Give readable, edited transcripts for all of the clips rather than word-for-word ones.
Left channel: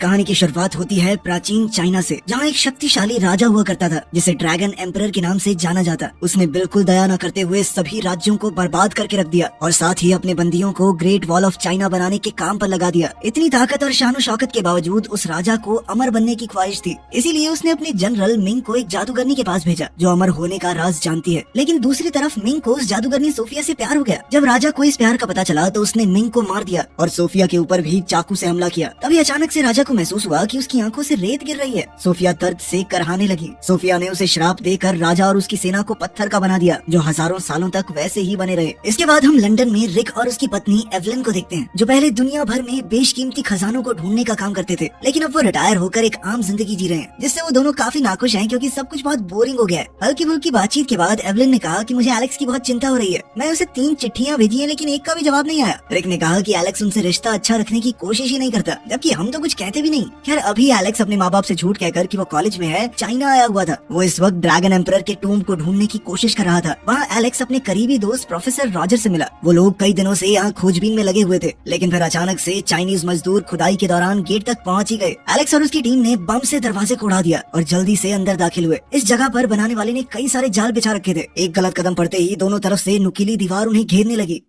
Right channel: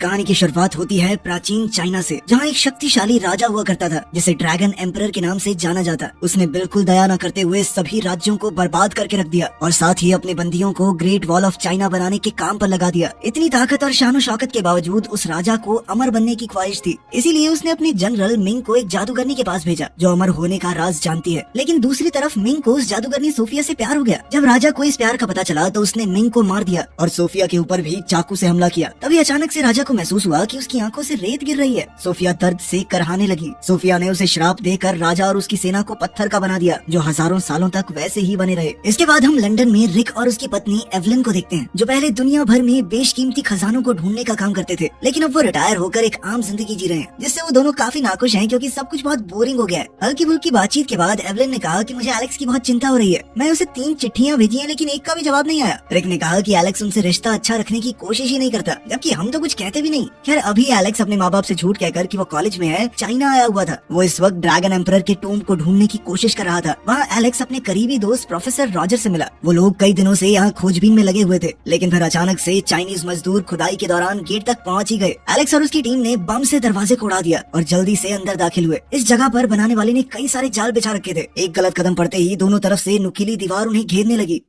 कहानी की शुरुआत होती है प्राचीन चाइना से, जहाँ एक शक्तिशाली राजा हुआ करता था जिसे ड्रैगन एम्परर के नाम से जाना जाता। उसने बिल्कुल दया न करते हुए सभी राज्यों को बर्बाद करके रख दिया और साथ ही अपने बंदियों को ग्रेट वॉल ऑफ चाइना बनाने के काम पर लगा दिया। इतनी ताकत और शानो शौकत के बावजूद उस राजा को अमर बनने की ख्वाहिश थी, इसीलिए उसने अपने जनरल मिंग को एक जादूगरनी के पास भेजा जो अमर होने का राज जानती है। लेकिन दूसरी तरफ मिंग को उस जादूगरनी सोफिया से प्यार हो गया। जब राजा को इस प्यार का पता चला तो उसने मिंग को मार दिया और सोफिया के ऊपर भी चाकू से हमला किया। तभी अचानक से राजा को महसूस हुआ कि उसकी आंखों से रेत गिर रही है। सोफिया दर्द से करहाने लगी। सोफिया ने उसे श्राप देकर राजा और उसकी सेना को पत्थर का बना दिया, जो हजारों सालों तक वैसे ही बने रहे। इसके बाद हम लंदन में रिक और उसकी पत्नी एवलिन को देखते हैं, जो पहले दुनिया भर में बेशकीमती खजानों को ढूंढने का काम करते थे, लेकिन अब वो रिटायर होकर एक आम जिंदगी जी रहे हैं, जिससे वो दोनों काफी नाखुश हैं क्योंकि सब कुछ बहुत बोरिंग हो गया है। हल्की फुल्की बातचीत के बाद एवलिन ने कहा कि मुझे एलेक्स की बहुत चिंता हो रही है। मैं उसे 3 चिट्ठियां भेजी हैं लेकिन एक का भी जवाब नहीं आया। रिक ने कहा कि एलेक्स उनसे रिश्ता अच्छा रखने की कोशिश ही नहीं करता, जबकि हम तो कुछ कहते भी नहीं। खैर अभी एलेक्स अपने माँ बाप से झूठ कहकर कि वो कॉलेज में है चाइना आया हुआ था। वो इस वक्त ड्रैगन एम्परर के टूम्ब को ढूंढने की कोशिश कर रहा था। वहाँ एलेक्स अपने करीबी दोस्त प्रोफेसर रॉजर से मिला। वो लोग कई दिनों से यहाँ खोजबीन में लगे हुए थे, लेकिन फिर अचानक से चाइनीज मजदूर खुदाई के दौरान गेट तक पहुँच ही गए। एलेक्स और उसकी टीम ने बम से दरवाजे को उड़ा दिया और जल्दी से अंदर दाखिल हुए। इस जगह पर बनाने वाले ने कई सारे जाल बिछा रखे थे। एक गलत कदम पड़ते ही दोनों तरफ से नुकीली दीवार उन्हें घेरने लगी।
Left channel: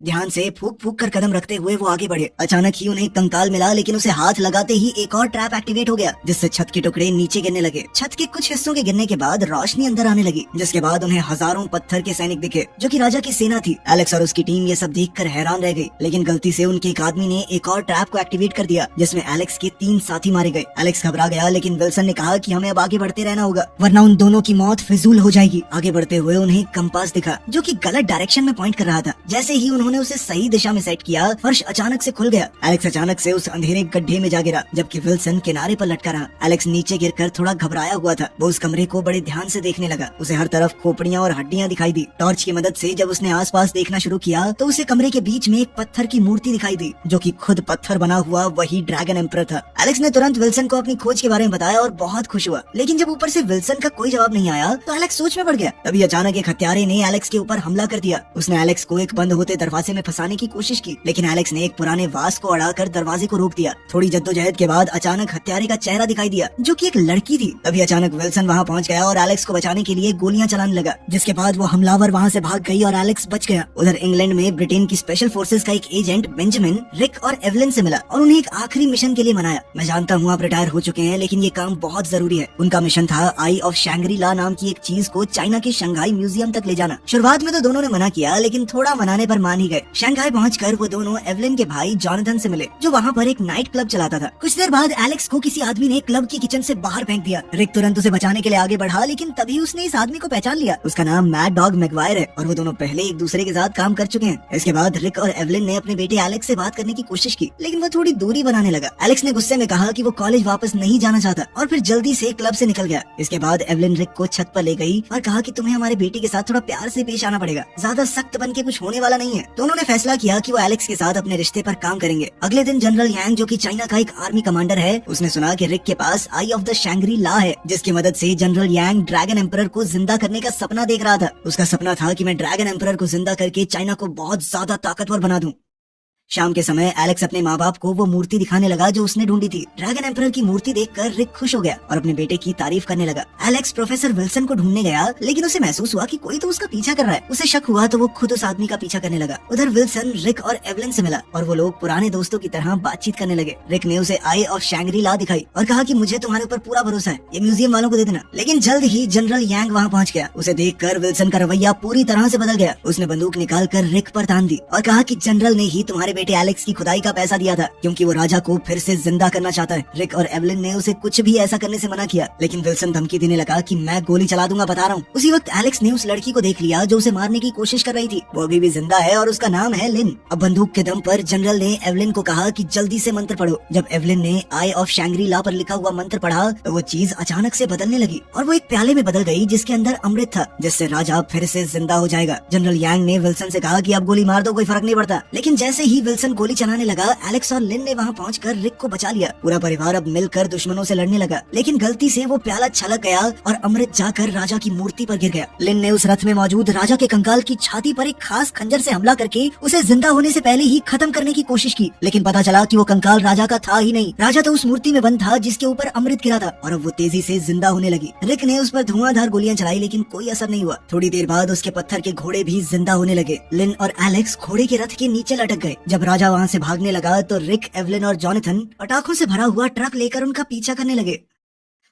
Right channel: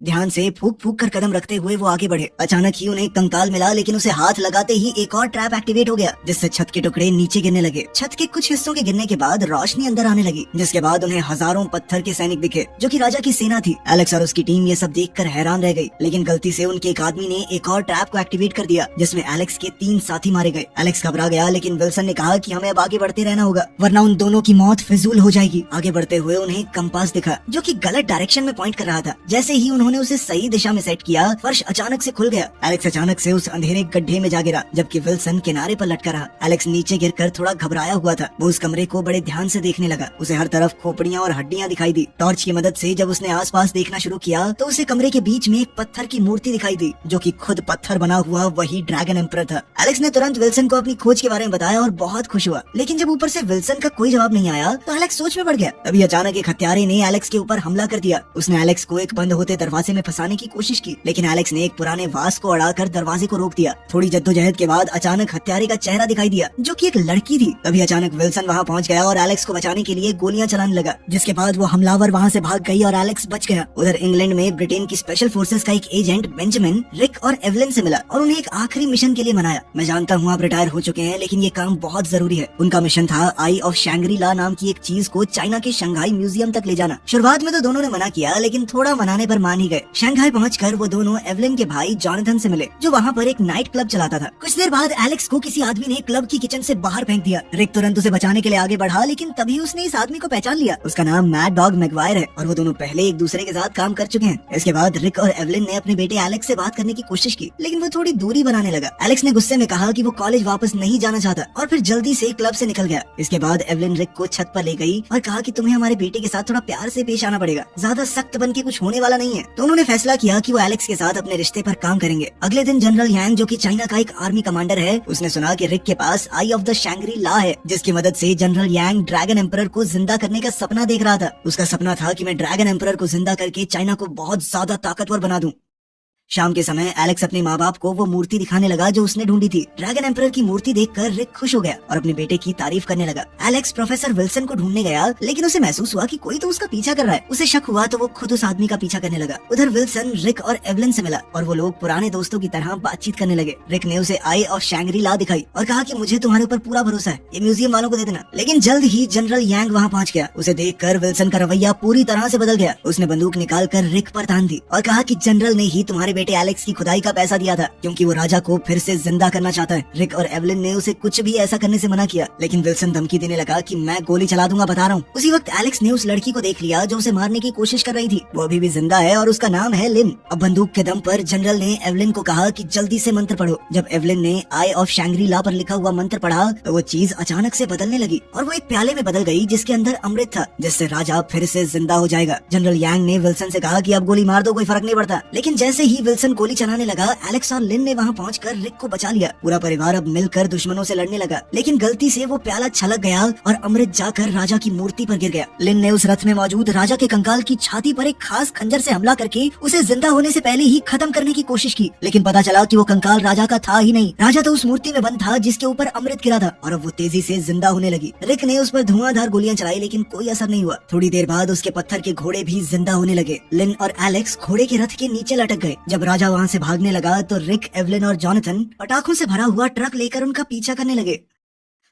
ध्यान से फूक फूक कर कदम रखते हुए वो आगे बढ़े। अचानक ही उन्हें एक कंकाल मिला, लेकिन उसे हाथ लगाते ही एक और ट्रैप एक्टिवेट हो गया, जिससे छत के टुकड़े नीचे गिरने लगे। छत के कुछ हिस्सों के गिरने के बाद रोशनी अंदर आने लगी, जिसके बाद उन्हें हजारों पत्थर के सैनिक दिखे, जो कि राजा की सेना थी। एलेक्स और उसकी टीम ये सब देखकर हैरान रह गई, लेकिन गलती से उनके एक आदमी ने एक और ट्रैप को एक्टिवेट कर दिया, जिसमें एलेक्स के 3 साथी मारे गए। एलेक्स घबरा गया, लेकिन विल्सन ने कहा कि हमें अब आगे बढ़ते रहना होगा, वरना उन दोनों की मौत फिजूल हो जाएगी। आगे बढ़ते हुए उन्हें कंपास दिखा, जो कि गलत डायरेक्शन में पॉइंट कर रहा था। जैसे ही उन्होंने उसे सही दिशा में सेट किया, फर्श अचानक से खुल गया। एलेक्स अचानक से उस अंधेरे गड्ढे में जा गिरा, जबकि विल्सन किनारे पर लटका रहा। एलेक्स नीचे गिरकर थोड़ा घबराया हुआ था। वो उस कमरे को बड़े ध्यान से देखने लगा। उसे हर तरफ खोपड़ियां और हड्डियां दिखाई दी। टॉर्च की मदद से जब उसने आसपास देखना शुरू किया तो उसे कमरे के बीच में एक पत्थर की मूर्ति दिखाई दी, जो कि खुद पत्थर बना हुआ वही ड्रैगन एम्परर था। एलेक्स ने तुरंत विल्सन को अपनी खोज के बारे में बताया और बहुत खुश हुआ, लेकिन जब ऊपर से विल्सन का कोई जवाब नहीं आया तो एलेक्स सोच में पड़ गया। तभी अचानक एक हत्यारे ने एलेक्स के ऊपर हमला कर दिया। उसने एलेक्स को एक बंद होते दरवाजे में फंसाने की कोशिश की, लेकिन एलेक्स ने एक पुराने वास को अड़ाकर दरवाजे को रोक दिया। थोड़ी जद्दोजहद के बाद अचानक हत्यारे का चेहरा दिखाई दिया, जो कि एक लड़की थी। तभी अचानक विल्सन वहां पहुंच गया और एलेक्स को बचाने के लिए गोलियां चलाने लगा, जिसके बाद वो हमलावर वहां से भाग गई और एलेक्स बच गया। उधर इंग्लैंड में ब्रिटेन की स्पेशल फोर्सेस का एक एजेंट बेंजामिन रिक और एवलिन से मिला और उन्हें एक आखिरी मिशन के लिए मनाया। मैं जानता हूँ आप रिटायर हो चुके हैं, लेकिन ये काम बहुत जरूरी है। उनका मिशन था आई ऑफ शैंग्री ला नाम की एक चीज को चाइना के शंघाई म्यूजियम तक ले जाना। शुरुआत में तो दोनों ने मना किया, लेकिन थोड़ा मनाने पर मान ही गए। शंघाई पहुंचकर वो दोनों एवलिन के भाई जॉनथन से मिले, जो वहाँ पर एक नाइट क्लब चलाता था। कुछ देर बाद एलेक्स को किसी आदमी ने क्लब की किचन से बाहर फेंक दिया। रिक तुरंत उसे बचाने के लिए आगे बढ़ा, लेकिन तभी उसने इस आदमी को पहचान लिया। उसका नाम मैड डॉग मैगवायर है और वो दोनों पहले एक दूसरे के साथ काम कर चुके हैं। इसके बाद रिक और एवलिन ने अपने बेटे एलेक्स से बात करने की कोशिश की, लेकिन वो थोड़ी दूरी बनाने लगा। एलेक्स ने गुस्से में कहा कि वो कॉलेज वापस नहीं जाना चाहता और फिर जल्दी से क्लब से निकल गया। इसके बाद एवलिन रिक को छत पर ले गई और कहा कि तुम्हें हमारे बेटे के साथ थोड़ा प्यार से पेश आना पड़ेगा, ज्यादा सख्त बन के कुछ होने वाला नहीं है। दोनों ने फैसला किया कि वो एलेक्स के साथ अपने रिश्ते पर काम करेंगे। अगले दिन जनरल यांग, जो कि चाइना का एक आर्मी कमांडर है, उसने सुना कि रिक के पास आई ऑफ द शैंग्री ला है, जिसकी मदद से जनरल यांग ड्रैगन एम्परर को जिंदा करने का सपना देख रहा था। उसका सपना था कि मैं ड्रैगन एम्परर को जिंदा करके चाइना को बहुत ज्यादा ताकतवर बना दूं। शाम के समय एलेक्स अपने माँ बाप को वो मूर्ति दिखाने लगा जो उसने ढूंढी थी। ड्रैगन एम्परर की मूर्ति देखकर रिक खुश हो गया और अपने बेटे की तारीफ करने लगा। एलेक्स प्रोफेसर विल्सन को ढूंढने गया, लेकिन उसे महसूस हुआ कि कोई तो उसका पीछा कर रहा है। उसे शक हुआ तो वो खुद उस आदमी का पीछा करने लगा। उधर विल्सन रिक और एवलिन से मिला और वो लोग पुराने दोस्तों की तरह बातचीत करने लगे। रिक ने उसे आई ऑफ शैंग्री ला दिखाई और कहा कि मुझे तुम्हारे ऊपर पूरा भरोसा है, ये म्यूजियम वालों को दे देना। लेकिन जल्द ही जनरल यांग वहाँ पहुँच गया। उसे देखकर विल्सन का रवैया पूरी तरह से बदल गया। उसने बंदूक निकाल कर रिक पर तान दी और कहा कि जनरल ने ही तुम्हारे बेटे एलेक्स की खुदाई का पैसा दिया था, क्योंकि वो राजा को फिर से जिंदा करना चाहता है। रिक और एवलिन ने उसे कुछ भी ऐसा करने से मना किया, लेकिन विल्सन धमकी देने लगा कि मैं गोली चला दूंगा, बता रहा हूँ। उसी वक्त एलेक्स ने उस लड़की को देख लिया जो उसे मारने की कोशिश कर रही थी। वो अभी भी जिंदा है और उसका नाम है लिन। अब बंदूक के दम पर जनरल ने एवलिन को कहा कि जल्दी से मंत्र पढ़ो। जब एवलिन ने आई ऑफ शैंग्री ला पर लिखा हुआ मंत्र पढ़ा तो वो चीज अचानक से बदलने लगी और वो एक प्याले में बदल गई, जिसके अंदर अमृत था, जिससे राजा फिर से जिंदा हो जाएगा। जनरल यांग ने विल्सन से कहा कि आप गोली मार दो, कोई फर्क नहीं पड़ता। लेकिन जैसे ही विल्सन गोली चलाने लगा, एलेक्स और लिन ने वहाँ पहुंचकर रिक को बचा लिया। पूरा परिवार अब मिलकर दुश्मनों से लड़ने लगा, लेकिन गलती से वो प्याला छलक गया और अमृत जाकर राजा की मूर्ति पर गिर गया। लिन ने उस रथ में मौजूद राजा के कंकाल की छाती पर एक खास खंजर से हमला करके उसे जिंदा होने से पहले ही खत्म करने की कोशिश की, लेकिन पता चला कि वो कंकाल राजा का था ही नहीं। राजा तो उस मूर्ति में बंद था जिसके ऊपर अमृत गिरा था और अब वो तेजी से जिंदा होने लगी। रिक ने उस पर धुआंधार गोलियां चलाई, लेकिन कोई असर नहीं हुआ। थोड़ी देर बाद उसके पत्थर के घोड़े भी जिंदा होने लगे। लिन और एलेक्स घोड़े के रथ के नीचे लटक गए। जब राजा वहाँ से भागने लगा तो रिक, एवलिन और जॉनथन पटाखों से भरा हुआ ट्रक लेकर उनका पीछा करने लगे।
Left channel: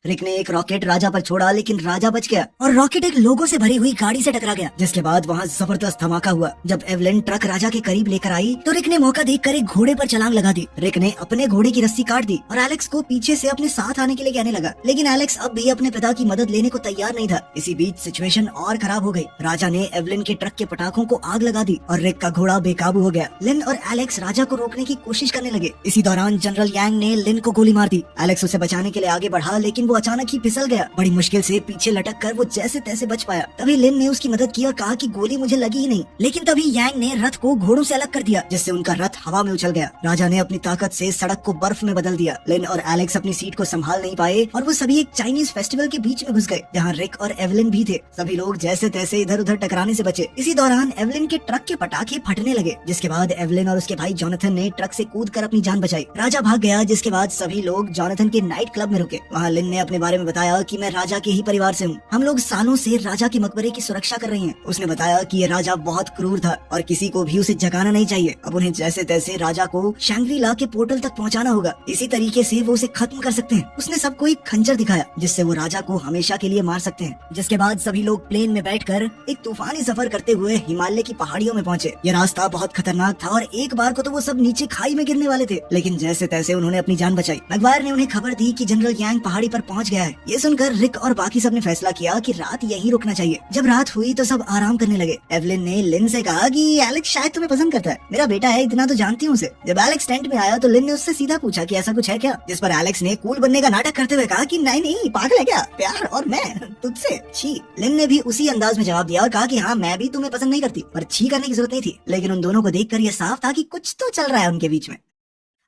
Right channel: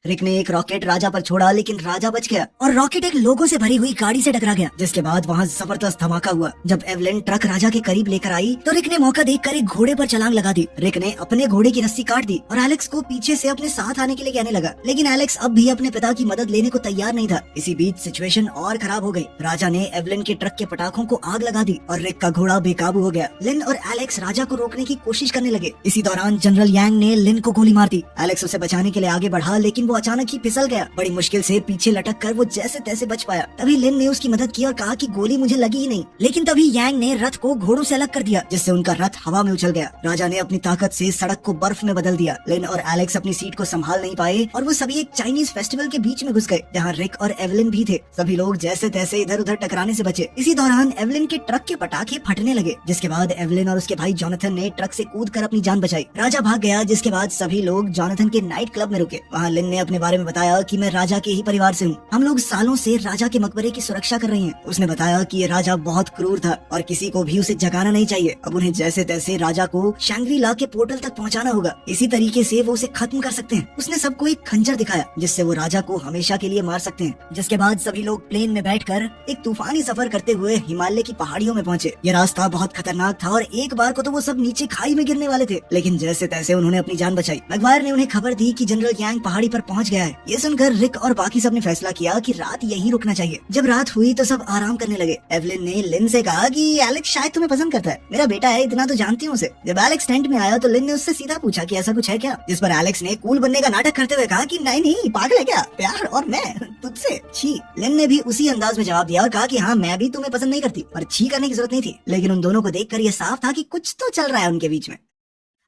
रिक ने एक रॉकेट राजा पर छोड़ा, लेकिन राजा बच गया और रॉकेट एक लोगों से भरी हुई गाड़ी से टकरा गया, जिसके बाद वहाँ जबरदस्त धमाका हुआ। जब एवलिन ट्रक राजा के करीब लेकर आई तो रिक ने मौका देखकर एक घोड़े पर छलांग लगा दी। रिक ने अपने घोड़े की रस्सी काट दी और एलेक्स को पीछे से अपने साथ आने के लिए कहने लगा, लेकिन एलेक्स अब भी अपने पिता की मदद लेने को तैयार नहीं था। इसी बीच सिचुएशन और खराब हो गई। राजा ने एवलिन के ट्रक के पटाखों को आग लगा दी और रिक का घोड़ा बेकाबू हो गया। लिन और एलेक्स राजा को रोकने की कोशिश करने लगे। इसी दौरान जनरल यांग ने लिन को गोली मार दी। एलेक्स उसे बचाने के लिए आगे बढ़ा, लेकिन वो अचानक ही फिसल गया। बड़ी मुश्किल से पीछे लटक कर वो जैसे तैसे बच पाया। तभी लिन ने उसकी मदद की और कहा कि गोली मुझे लगी ही नहीं, लेकिन तभी यांग ने रथ को घोड़ों से अलग कर दिया, जिससे उनका रथ हवा में उछल गया। राजा ने अपनी ताकत से सड़क को बर्फ में बदल दिया। लिन और एलेक्स अपनी सीट को संभाल नहीं पाए और वो सभी एक चाइनीज फेस्टिवल के बीच में घुस गए, जहाँ रिक और एवलिन भी थे। सभी लोग जैसे तैसे इधर उधर टकराने से बचे। इसी दौरान एवलिन के ट्रक के पटाखे फटने लगे, जिसके बाद एवलिन और उसके भाई जॉनथन ने ट्रक से कूद कर अपनी जान बचाई। राजा भाग गया, जिसके बाद सभी लोग जॉनथन के नाइट क्लब में रुके। वहाँ लिन ने अपने बारे में बताया कि मैं राजा के ही परिवार से हूँ। हम लोग सालों से राजा के मकबरे की सुरक्षा कर रहे हैं। उसने बताया कि ये राजा बहुत क्रूर था और किसी को भी उसे जगाना नहीं चाहिए। अब उन्हें जैसे तैसे राजा को शैंग्री ला के पोर्टल तक पहुंचाना होगा। इसी तरीके से वो उसे खत्म कर सकते हैं। उसने सबको एक खंजर दिखाया जिससे वो राजा को हमेशा के लिए मार सकते हैं। जिसके बाद सभी लोग प्लेन में बैठकर एक तूफानी सफर करते हुए हिमालय की पहाड़ियों में पहुंचे। ये रास्ता बहुत खतरनाक था और एक बार को तो वो सब नीचे खाई में गिरने वाले थे, लेकिन जैसे तैसे उन्होंने अपनी जान बचाई। मैगवायर ने उन्हें खबर दी कि जनरल यांग पहाड़ी पर पहुंच गया है। ये सुनकर रिक और बाकी सब ने फैसला किया कि रात यहीं रुकना चाहिए। जब रात हुई तो सब आराम करने लगे। एवलिन ने लिन से कहा कि एलेक्स शायद तुम्हें पसंद करता है, मेरा बेटा है, इतना तो जानती हूँ उसे। जब एलेक्स टेंट में आया तो लिन ने उससे सीधा पूछा कि ऐसा कुछ है क्या, जिस पर एलेक्स ने कूल बनने का नाटक करते हुए कहा कि नहीं नहीं, पागल है क्या, प्यार और मैं तुझसे छी। लिन ने भी उसी अंदाज में जवाब दिया और कहा कि हाँ, मैं भी तुम्हें पसंद नहीं करती, पर छी करने की जरूरत नहीं थी। लेकिन उन दोनों को देखकर ये साफ था कि कुछ तो चल रहा है उनके बीच में।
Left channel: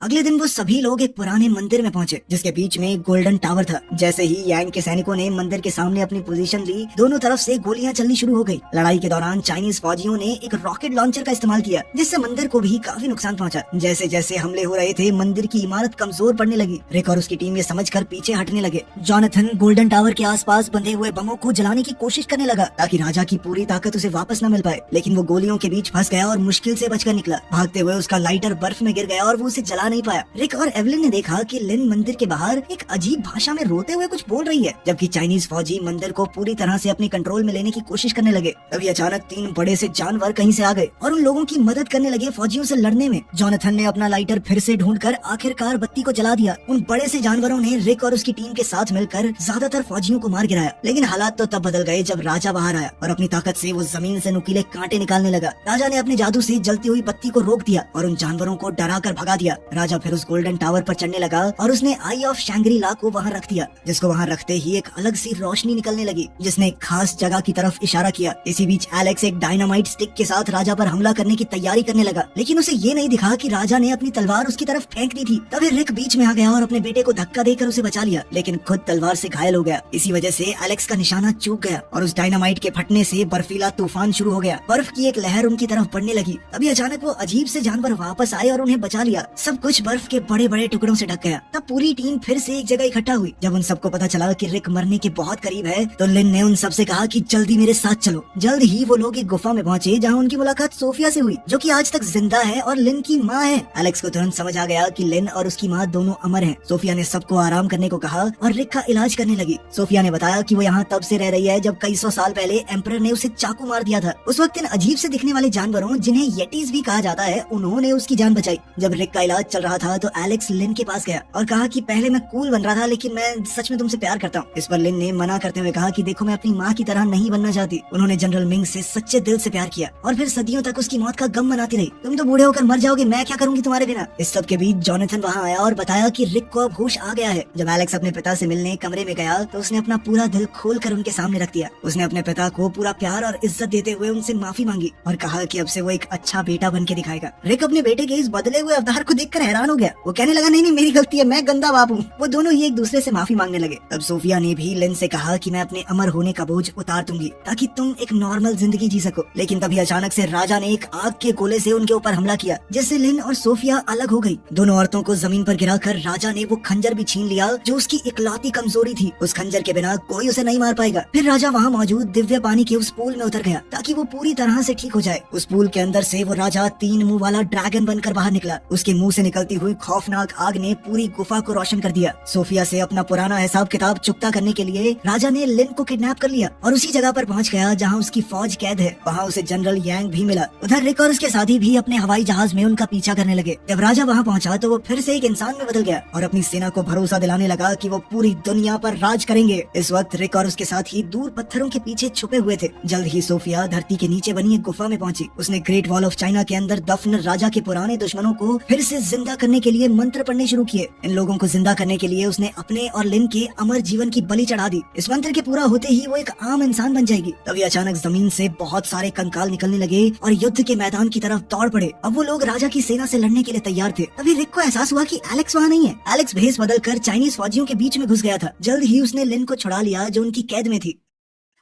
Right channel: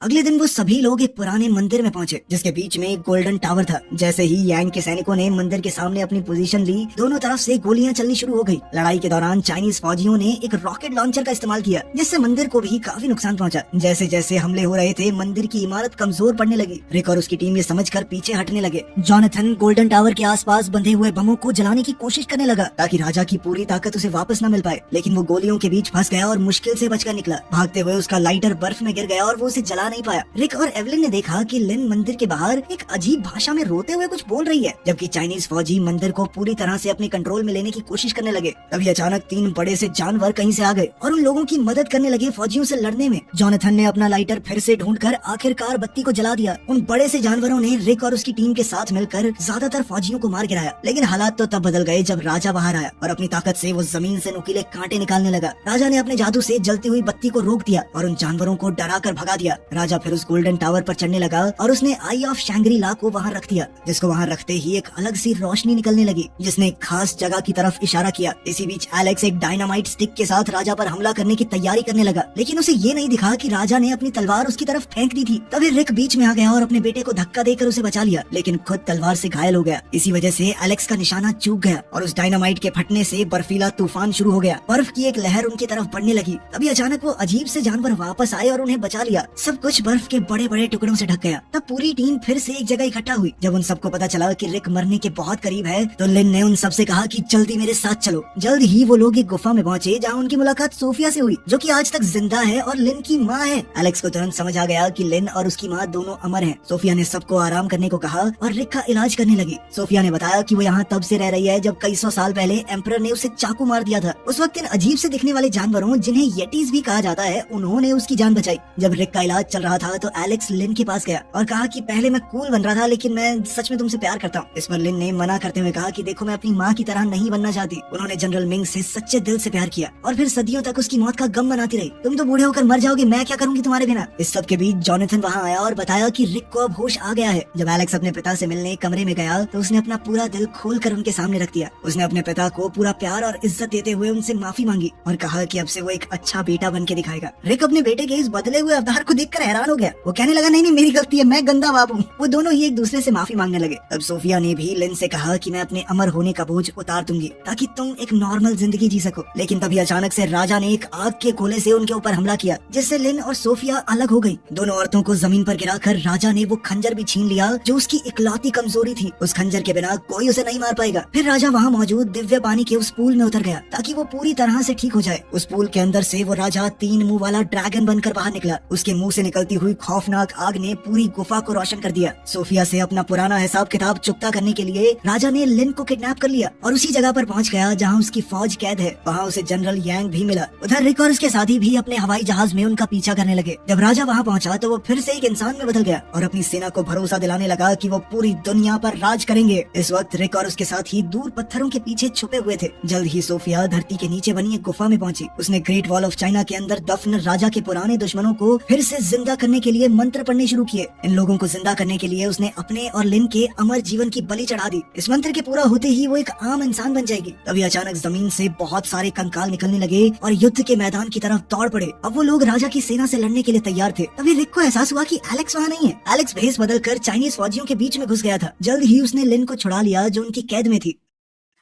अगले दिन वो सभी लोग एक पुराने मंदिर में पहुंचे, जिसके बीच में एक गोल्डन टावर था। जैसे ही यांग के सैनिकों ने मंदिर के सामने अपनी पोजीशन ली, दोनों तरफ से गोलियां चलनी शुरू हो गई। लड़ाई के दौरान चाइनीज फौजियों ने एक रॉकेट लॉन्चर का इस्तेमाल किया, जिससे मंदिर को भी काफी नुकसान पहुंचा। जैसे जैसे हमले हो रहे थे, मंदिर की इमारत कमजोर पड़ने लगी। रिक और उसकी टीम ये समझकर पीछे हटने लगे। जॉनथन गोल्डन टावर के आसपास बंधे हुए बमों को जलाने की कोशिश करने लगा, ताकि राजा की पूरी ताकत उसे वापस न मिल पाए, लेकिन वो गोलियों के बीच फंस गया और मुश्किल से बचकर निकला। भागते हुए उसका लाइटर बर्फ में गिर गया और वो उसे जला नहीं पाया। रिक और एवलिन ने देखा कि लिन मंदिर के बाहर एक अजीब भाषा में रोते हुए कुछ बोल रही है, जबकि चाइनीज फौजी मंदिर को पूरी तरह से अपने कंट्रोल में लेने की कोशिश करने लगे। तभी अचानक 3 बड़े से जानवर कहीं से आ गए और उन लोगों की मदद करने लगे फौजियों से लड़ने में। जॉनथन ने अपना लाइटर फिर से ढूंढकर आखिरकार बत्ती को जला दिया। उन बड़े से जानवरों ने रिक और उसकी टीम के साथ मिलकर ज्यादातर फौजियों को मार गिराया, लेकिन हालात तो तब बदल गए जब राजा बाहर आया और अपनी ताकत से वो जमीन से नुकीले कांटे निकालने लगा। राजा ने अपने जादू से जलती हुई बत्ती को रोक दिया और उन जानवरों को डरा कर भगा दिया। राजा फिर उस गोल्डन टावर पर चढ़ने लगा और उसने आई ऑफ शैंग्री ला को वहाँ रख दिया, जिसको वहाँ रखते ही एक अलग सी रोशनी निकलने लगी, जिसने एक खास जगह की तरफ इशारा किया। इसी बीच एलेक्स एक डायनामाइट स्टिक के साथ राजा पर हमला करने की तैयारी करने लगा, लेकिन उसे ये नहीं दिखा कि राजा ने अपनी तलवार उसकी तरफ फेंक दी थी। तभी रिक बीच में आ गया और अपने बेटे को धक्का देकर उसे बचा लिया, लेकिन खुद तलवार से घायल हो गया। इसी वजह से एलेक्स का निशाना चूक गया और उस डायनामाइट के फटने से बर्फीला तूफान शुरू हो गया। बर्फ की एक लहर उनकी तरफ बढ़ने लगी। तभी अचानक वो अजीब से जानवर वापस आए और उन्हें बचा लिया। सब कुछ बर्फ के बड़े बड़े टुकड़ों से ढक गया। तब पूरी टीम फिर से एक जगह इकट्ठा हुई। जब उन सबको पता चला कि रिक मरने के बहुत करीब है, तो लिन ने उन सबसे कहा कि जल्दी मेरे साथ चलो। जल्द ही वो लोग एक गुफा में पहुंचे, जहां उनकी मुलाकात सोफिया से हुई, जो कि आज तक जिंदा है और लिन की माँ है। एलेक्स को तुरंत समझ आ गया कि लिन और उसकी माँ दोनों अमर हैं। सोफिया ने सबको आराम करने को कहा और रिक का इलाज करने लगी। सोफिया ने बताया कि वो यहाँ तब से रह रही है जब कई 100 साल पहले एम्परर ने उसे चाकू मार दिया था। उस वक्त इन अजीब से दिखने वाले जानवरों, जिन्हें येटीज भी कहा जाता है, उन्होंने उसकी जान बचाई। जब रिक का इलाज चल चल रहा था तो एलेक्स लिन के पास गया और कहा कि पहले मैं कूल बन रहा था लेकिन मैं सच में तुमसे प्यार करता हूँ। इस पर लिन ने मना करते हुए कहा कि देखो मैं अपनी माँ की तरह नहीं बनना चाहती। उन्होंने जनरल मिंग से सच्चे दिल से प्यार किया और फिर सदियों तक उसकी मौत का गम मनाती रही। तुम तो बूढ़े होकर मर जाओगे, मैं क्या करूंगी तुम्हारे बिना। इस सब के बीच जॉनथन वहाँ आया और बताया कि रिक को अब होश आ गया है। जब एलेक्स अपने पिता से मिलने कमरे में गया तो उसने अपना पूरा दिल खोल कर उनके सामने रख दिया। उसने अपने पिता को पूरा प्यार और इज्जत देते हुए उनसे माफी मांगी और कहा कि अब से वो एक अच्छा बेटा बन के दिखाएगा। रिक अपने बेटे के इस बदले हुए अवतार को देखकर हैरान हो गया। वो कहने लगा नहीं नहीं मेरी गलती है, मैं गंदा बाप हूँ। वो दोनों ही एक दूसरे से माफी मांगने लगे। तब सोफिया ने भी लिन से कहा कि मैं अपने अमर होने का बोझ उतार दूंगी ताकि तुम एक नॉर्मल जिंदगी जी सको। लेकिन तभी अचानक से राजा ने एक आग के गोले से उनके ऊपर हमला किया जिससे लिन और सोफिया अलग हो गई। दोनों औरतों को जमीन पर गिराकर राजा ने वो खंजर भी छीन लिया जो उसकी इकलौती कमजोरी थी। उस खंजर के बिना कोई उसे नहीं मार पाएगा। फिर राजा वहाँ मौजूद दिव्य पानी के उस पूल में उतर गया ताकि वो पूरी तरह से ठीक हो जाए। उस पूल के अंदर से वो राजा 3 मुंह वाला ड्रैगन बनकर बाहर निकला। उसके मुंह से निकलती हुई खौफनाक आग ने पूरी गुफा को रोशन कर दिया। सोफिया से अपना पुराना हिसाब किताब चुकता करने के लिए राजा ने लिन को किडनैप कर लिया और उसी जगह पर पहुंच गया जहां उसकी फौज कैद है। वहां उसे जनरल यांग भी मिला। उधर रिक और उसके साथी भी अपने हवाई जहाज में उनका पीछा करने लगे। जब राजा वहां पहुंचा तो वो फिर से एक इंसान में बदल गया और अपनी सेना को भरोसा दिलाने लगा कि वो पूरी दुनिया पर राज करेंगे। इस वक्त रिक और उसके साथी दूर पत्थरों के पीछे छुपे हुए थे। जल्द ही सोफिया धरती के नीचे बनी एक गुफा में पहुंची। उसने ग्रेट वॉल ऑफ चाइना के अंदर दफन राजा के पुराने दुश्मनों को फिर से जिंदा करने के लिए मंत्र पढ़ने शुरू किए। इन लोगों को जिंदा करने के लिए उसने अपने और लिन के अमर जीवन की बलि चढ़ा दी। इस मंत्र के पूरा होते ही वो एक आम इंसान बन जाएगी। तभी अचानक जमीन से बहुत सारे कंकाल निकलने लगे और युद्ध के मैदान की तरफ दौड़ पड़े। अब वो लोग राजा की सेना से लड़ने के लिए तैयार थे। तभी रिक को एहसास हुआ कि एलेक्स वहाँ नहीं है। एलेक्स भेष बदलकर चाइनीज फौजियों के बीच में घुस गया था। जल्द ही उसने लिन को छुड़ा लिया जो उनकी कैद में थी।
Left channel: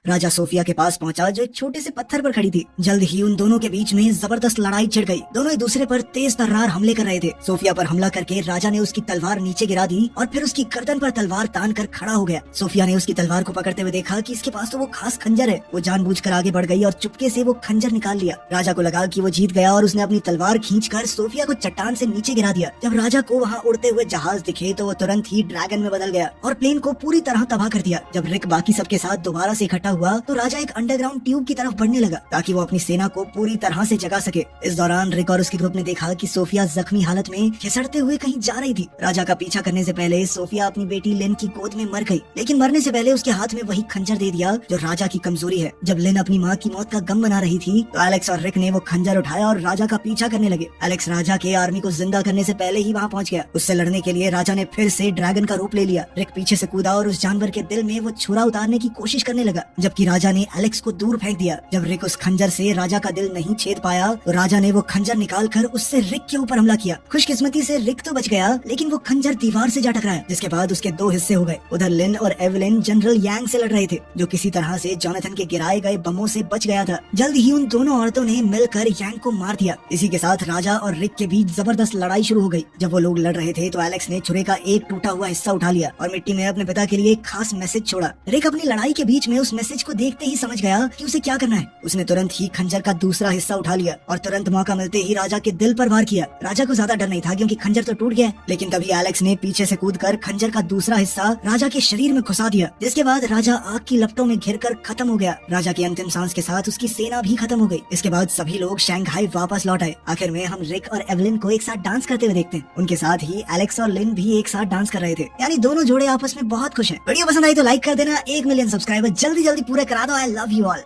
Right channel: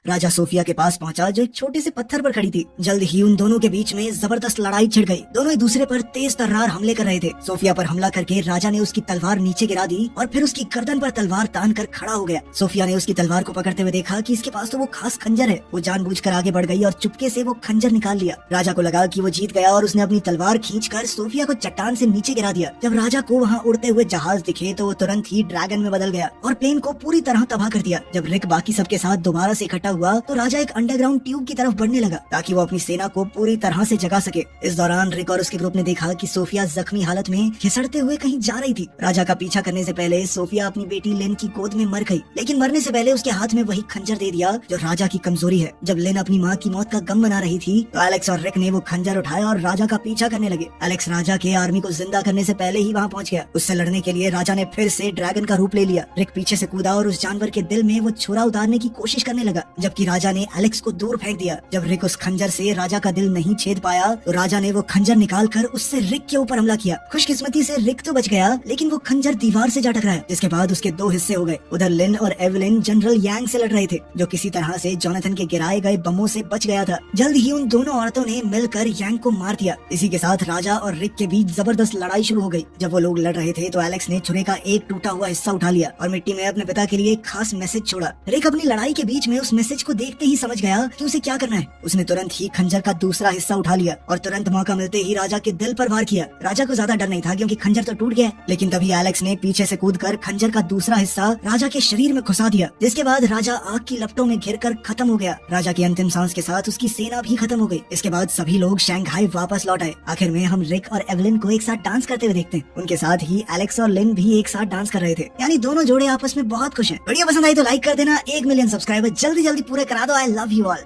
राजा सोफिया के पास पहुंचा जो एक छोटे से पत्थर पर खड़ी थी। जल्द ही उन दोनों के बीच में जबरदस्त लड़ाई छिड़ गई। दोनों एक दूसरे पर तेज तर्रार हमले कर रहे थे। सोफिया पर हमला करके राजा ने उसकी तलवार नीचे गिरा दी और फिर उसकी गर्दन पर तलवार तान कर खड़ा हो गया। सोफिया ने उसकी तलवार को पकड़ते हुए देखा कि इसके पास तो वो खास खंजर है। वो जानबूझकर आगे बढ़ गई और चुपके से वो खंजर निकाल लिया। राजा को लगा कि वो जीत गया और उसने अपनी तलवार खींचकर सोफिया को चट्टान से नीचे गिरा दिया। जब राजा को वहाँ उड़ते हुए जहाज दिखे तो वो तुरंत ही ड्रैगन में बदल गया और प्लेन को पूरी तरह तबाह कर दिया। जब रिक बाकी सबके साथ दोबारा से इकट्ठा हुआ तो राजा अंडरग्राउंड ट्यूब की तरफ बढ़ने लगा ताकि वो अपनी सेना को पूरी तरह से जगा सके। इस दौरान रिक और उसके ग्रुप ने देखा कि सोफिया जख्मी हालत में खिसड़ते हुए कहीं जा रही थी। राजा का पीछा करने से पहले सोफिया अपनी बेटी लिन की गोद में मर गई, लेकिन मरने से पहले उसके हाथ में वही खंजर दे दिया जो राजा की कमजोरी है। जब लिन अपनी माँ की मौत का गम मना रही थी तो एलेक्स और रिक ने वो खंजर उठाया और राजा का पीछा करने लगे। एलेक्स राजा के आर्मी को जिंदा करने से पहले ही वहाँ पहुँच गया। उससे लड़ने के लिए राजा ने फिर से ड्रैगन का रूप ले लिया। रिक पीछे से कूदा और उस जानवर के दिल में वो छुरा उतारने की कोशिश करने लगा, जबकि राजा ने एलेक्स को दूर फेंक दिया। जब रिक उस खंजर से राजा का दिल नहीं छेद पाया तो राजा ने वो खंजर निकालकर उससे रिक के ऊपर हमला किया। खुशकिस्मती से रिक तो बच गया, लेकिन वो खंजर दीवार से जा टकराया, जिसके बाद उसके 2 हिस्से हो गए। उधर लिन और एवलिन जनरल यांग से लड़ रहे थे जो किसी तरह से जॉनथन के गिराए गए बमों से बच गया था। जल्द ही उन दोनों औरतों ने मिलकर यांग को मार दिया। इसी के साथ राजा और रिक के बीच जबरदस्त लड़ाई शुरू हो गई। जब वो लोग लड़ रहे थे तो एलेक्स ने छुरे का एक टूटा हुआ हिस्सा उठा लिया और मिट्टी में अपने पिता के लिए एक खास मैसेज छोड़ा। रिक अपनी लड़ाई के बीच में उस मैसेज को देखते ही समझ गया कि उसे क्या करना है। उसने तुरंत ही खंजर का दूसरा हिस्सा उठा लिया और तुरंत मौका मिलते ही राजा के दिल पर वार किया। राजा को ज्यादा डर नहीं था क्योंकि खंजर तो टूट गया, लेकिन तभी एलेक्स ने पीछे से कूदकर खंजर का दूसरा हिस्सा राजा के शरीर में घुसा दिया, जिसके बाद राजा आग की लपटों में घिरकर खत्म हो गया। राजा की अंतिम सांस के साथ उसकी सेना भी खत्म हो गई। इसके बाद सभी लोग शंघाई वापस लौट आए। आखिर में हम रिक और एवलिन को एक साथ डांस करते हुए देखते हैं। उनके साथ ही एलेक्स और लिन भी एक साथ डांस कर रहे थे, यानी दोनों जोड़े आपस में बहुत खुश हैं। वीडियो पसंद आई तो लाइक कर देना। 1 मिलियन सब्सक्राइबर जल्दी जल्दी पूरे करा दो। I love you all.